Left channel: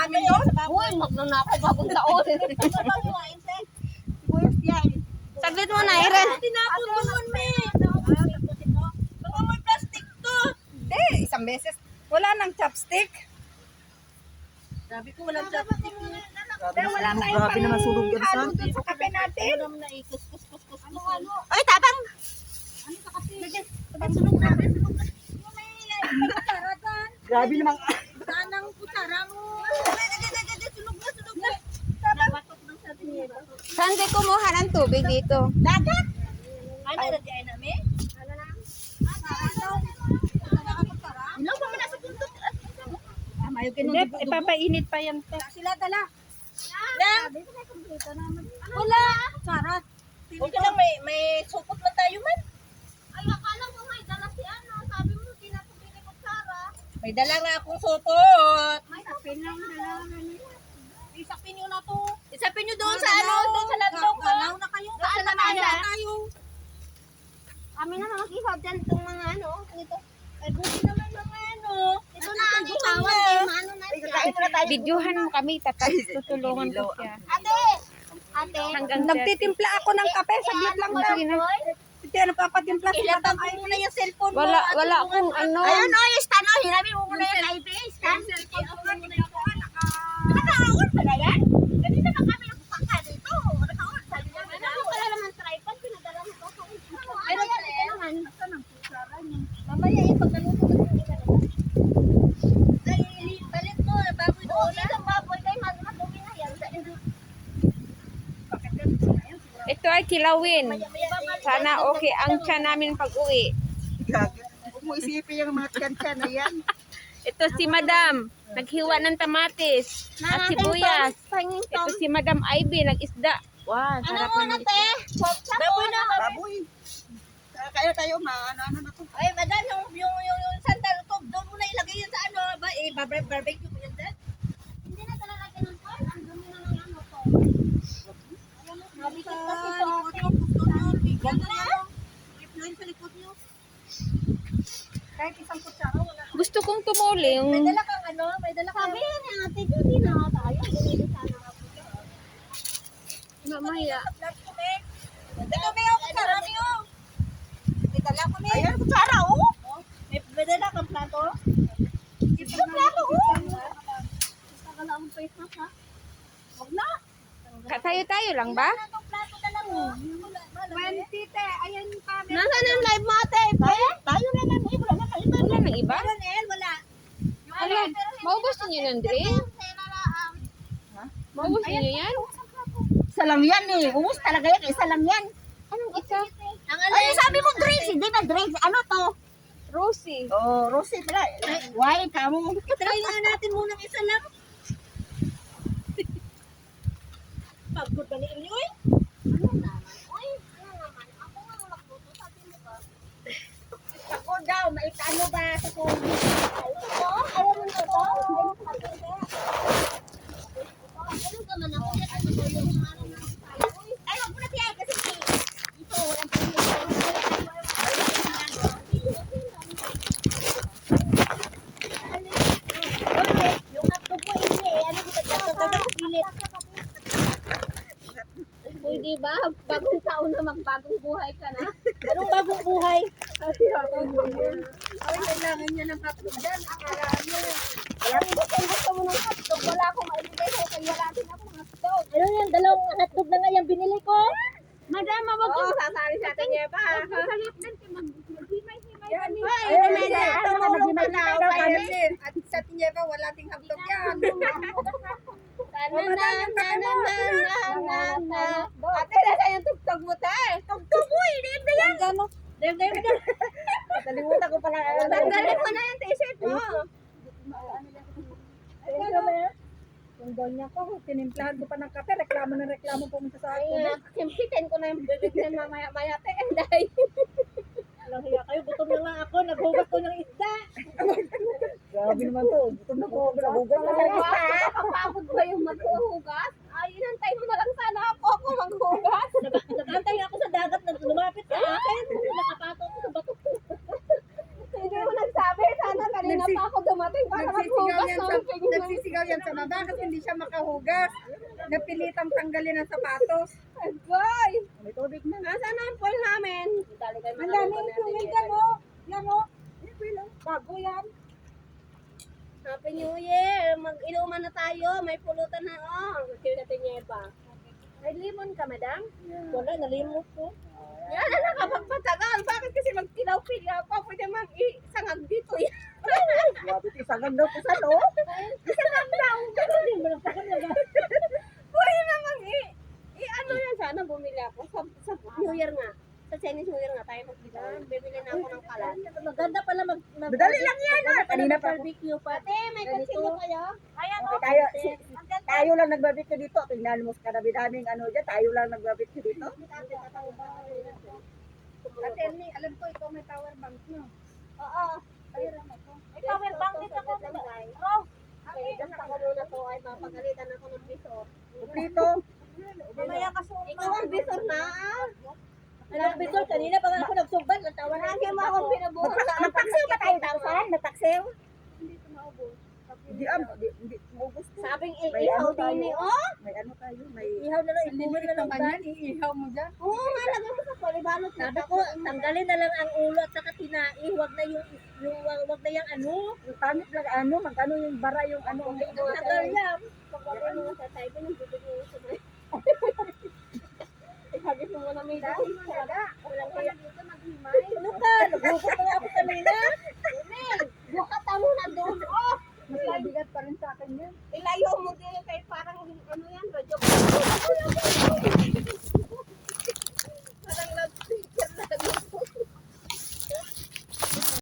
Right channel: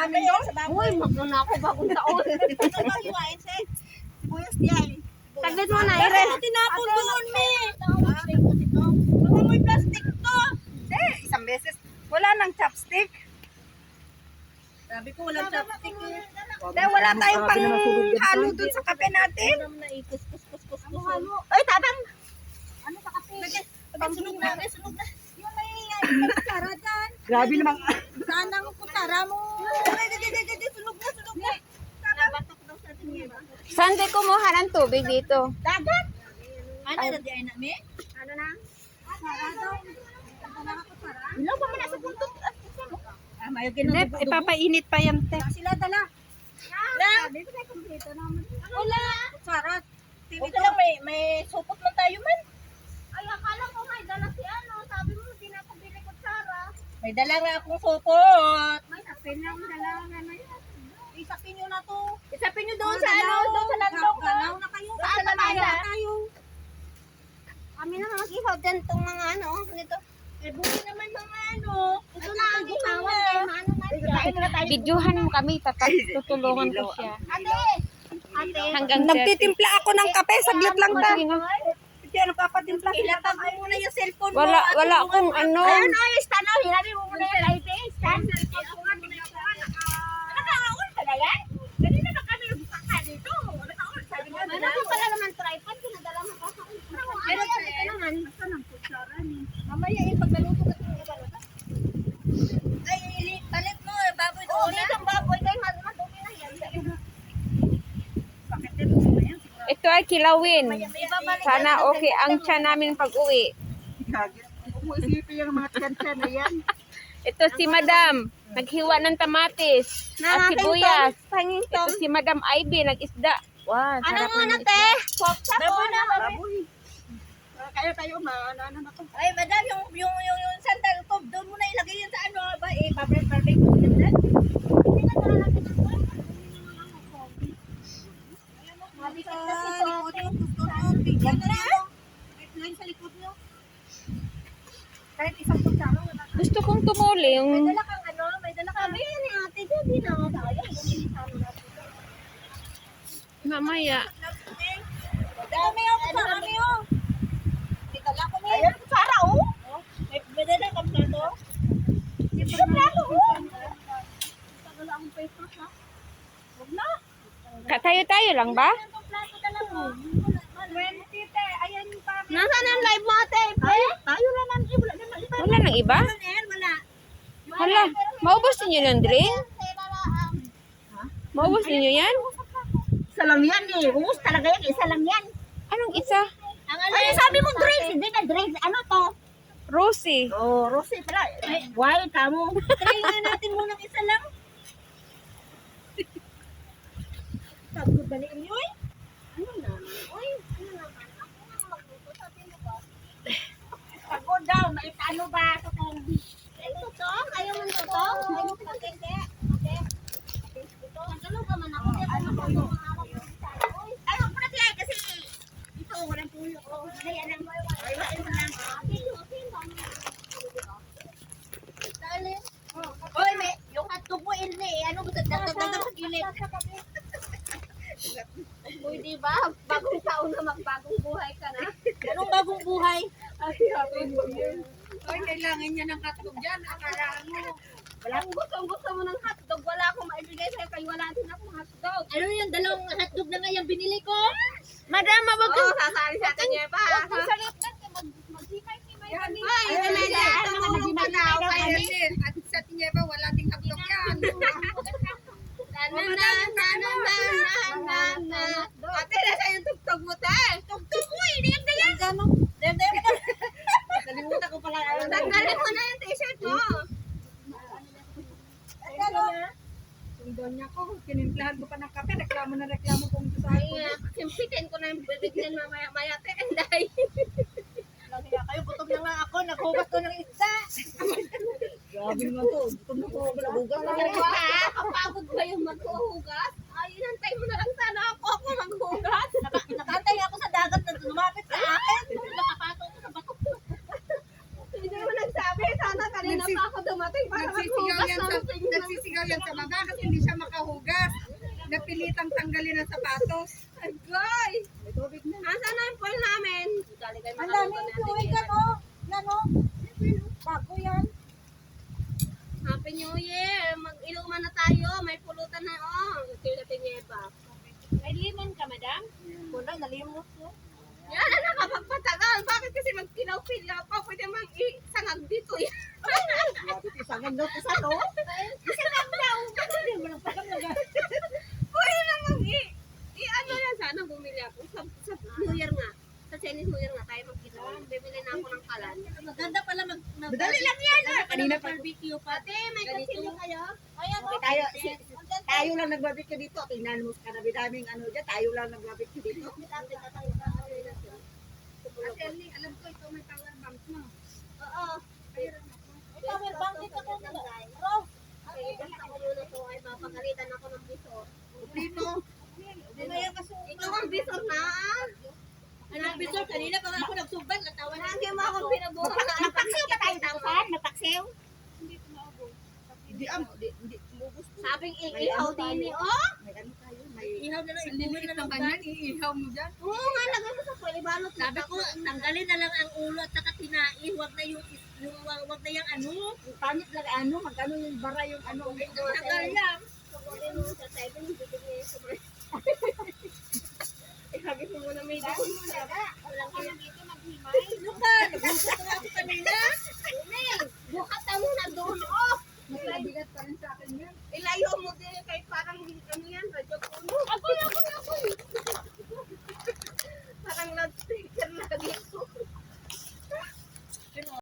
namin yun. Uy, magnanako bagong taon. Sibuyas diyan. Saglit mo na, Irel. Tinapon doon, me. Mga may plastic to. Hindi, isang beses. Wala nang chopstick. Sabi ko walang chopstick. Hindi, wala tayong halo doon sa kape natin. Ay, tabang. Ano sa kape? Sunog na. Yung may kutsara dyan. Grabe naman. Saan ang kutsara mo? Sunog na. Saan di kumuha ng tubig dito? Dagat. Ano na di ay namin? Ano na? Ilaw pa man nasa buntot. Mayo Hindi, ipapainit pa yan, te. sila dala. Lang. Dito may kumpleto naman. Wala. Kutsara. Okay lang, may supot man tayo man. Ay, akala ko may dala si ano. Sabi mo, hindi na pabili ko Sara. May dala nga akong supot. May tapin lang dala. Ano yan? Isapin nyo na to. Isapin nyo doon sa ano, doon sa landong ko. Galaw na kayo. Saan na Galaw tayo? tayo. Kami na mag-ihaw din itong mga ano. Ito. Ay, buti naman mga ano. Ito na ang gitawag kay Mano na siya. Kain muna tayo. Videohan mo kami, tutulungan ko siya. Ate! Ate! Hanggang Nagtitimpla ako ng kape. Saglit lang O, daw. sige na. Hindi, ano papatimpla sa Ilapag matang. mo muna yung cellphone mo. Wala akong ano. Ayun, o, yung stand, o. Hinabi mo muna yung live stand. Naka-on pala yan? Ganito na kami nagbukas ka dito. Naka-on. Sabi nga, ano pala naman tripod? Pinadala mo pa sa akin. Pero ito naman. Saan ang kutsara niyo? Mamaya eh, pag naluto na ito. Ay, palit mo. Baboy Oo, doon na. dito ang baboy kay madumi na yan. Sa iyo. Pakitin mo na yan. Ito ay kilawin. Ibabalik. Sana okay ang tiyan namin pag-uwi. Huwag mo isipin yung mga tiyan-tiyan na yan. Ito si Madam, naghiwa ng tamatis at sibuyas. Ito si Madam Ivy, nag-isda. Wow, Ano sarap muna, naman te? isda. Baboy na. Baboy. Kaya tayo, ano na to. Ay, madam, yung sandal ko, doon mo na ilagay yun sa ano ba? Eh, barbecue yun din. Hindi na talalagyan ng pan. Ang dumi na ng ano ko. Mabikit kasi Sa to. likod nyo, gusto nyo. Bigyan na nyo. May sa likod nyo. Kahit isang kutsara, wala ka. Gusto kong tumuli May yung dala kang ano? May dala kang... Sabi yan ni ate, hindi na tayo. Bumili sana nga po. mamaya. Ito may yung kutsara nyo. May dala ko may... Ayan, kutsara, oh. May dala kang plato. Ito plato, oh. Tagal ang face mask, ha? Huwag na. Tayo lang ba? Anong plato dala mo? 20, te. Ayan pa. Nasaan na yung live mo, ate? Tayo naman, eh. Wala naman iba. Wala nang iba? Meron, El, wala. Hala, maubos ninyo ng drink? Maubos ninyo yan? Isa lang yan eh. Umus talaga yan. Isa lang yan. Anong isa? Ay, sabi mo drinks. Hindi na drinks. Ano to? Rosie. Oh, Rosie pala. Why, kamo? Try nga natin munang isa lang. Pagod ba ni inyo eh? Ano naman? Uy, ano naman? Ako nga magluto, sabi mo ba? Pagod daw. May ano ba sa COVID? Ay, ito? Ayaw mo nito to? Ayaw mo pagkenge? Ito, ano ka man ako? Ano ko yung mga ako yung style? Uy, Ay, wag mo na siya kasi ito, walang pinito. Uy, yung hotdog mo hindi eh. Ano mo sa gilid? Uy, di ba? Bagong taon na magbagong buhay ka na. Anong bagong buhay? Ay, Kailangan niya ng hotdog dyan. Akala mo. Alam mo, kung gusto mo ng hotdog, wala akong maibigay sa'yo kaya wala din akong hotdog. Ano yung dalawang hotdog na nga yung binili ko? Madam, wag Oo, sasali sa atin niya pa. Huwag mong salipnan ka, maghimay-himay kami. Ayun na yan. Tumulong ka na, okay. At sa tinyeba, wala ding hotdog yan. Ate, nasa yung tugtog mo, te. Tugtog mo, hindi yan na yan. Dahil mo na. Nakalimutan ko pala. Tanggalin mo na yung t-shirt mo. Yung donya ko, tinimplahan ko pa ng kape, reklamo na reklamo pumunta sa Ay, akin. simpitin ko na yung bibig na mamaya-maya. Tenday. Alam hiya kayo, gutom na nga ako, naghugas ko ng isa. Grabe naman to, gutom na ko, naghugas na nga. Kapagod ba yung maghuhugas? Ay, inantay mo na lang sana ako maghugas. Nakantay ako sa dagat na lumapit sa akin. Nakapato ko sa bato. Hindi mo nagsabi. Sana kanina Kanina pa ako dumating para maghugas ng pinggan. Nagsisigaw yan sa baba kasi hindi siya makahugas. Napilitang tanggalin ang sapatos. Agay! May tubig na. Nasaan na yung foil namin? Ang daming fuel ka mo. Yan o. Bago yan. Happy New Year! Mag-inuman na tayo. May pulutan na. Oh, sige na pinyeba. May limon ka, madam? Wala, nalimot ko. Yan na nakapagpatagal. Bakit kasi magkilaw-kilya pa? Pwede mang isangag dito yan. Grabe, isangag daw sa no? Isangag daw. Pwede namang ano yan. Sana bumili ako. Sa New Year nga. Sa Chinese New Year nga tayo magkita. Bibili na ako ng kalan. Maganda pala Madali lang yan. Kanina pa. barbecue pa. Ate, may kutsilyo kayo? Ayan o. Tayo, tayo lang nagbabit dito. Tingnan mo sa daming ano dyan. Tayo lang nagbabit dito. Ate, alam ko ito may power bank no. Oo. May power bank dito ko. Rose. Okay, basta ko muna to ay mapagalitan ako ng bisor. Dito. Mamaya kasuot. Ikaw ang bisor na ah. Anong bisor? Kanina pa nga ako nagsumbad. Natawa na. Lagi mo akong pinabuhat. Nagpaksiw pa tayo tausan? Nagpaksiw? Hindi hindi mubos ko. Sabing May iihaw ano tayo. din eh. Oh! May ano tayo, may Ihaw na lang. Ibumin na lang ba? iihaw mo dyan. Oo nga, lagay mo sa palibalot. Sabi ko, tanggalin na lang ang ulo at saka tinai. Huwag na wag na yung ano. Yung pangit lang ano, magkano yung bara yung ano. Tagal yan. Pagwagay mo sa tayo, binibigay niya yung sumay. Ihagis mo muna may dahon. Walang kaya dito maghimay. Ano ka? Naghugot na nga ako kanina.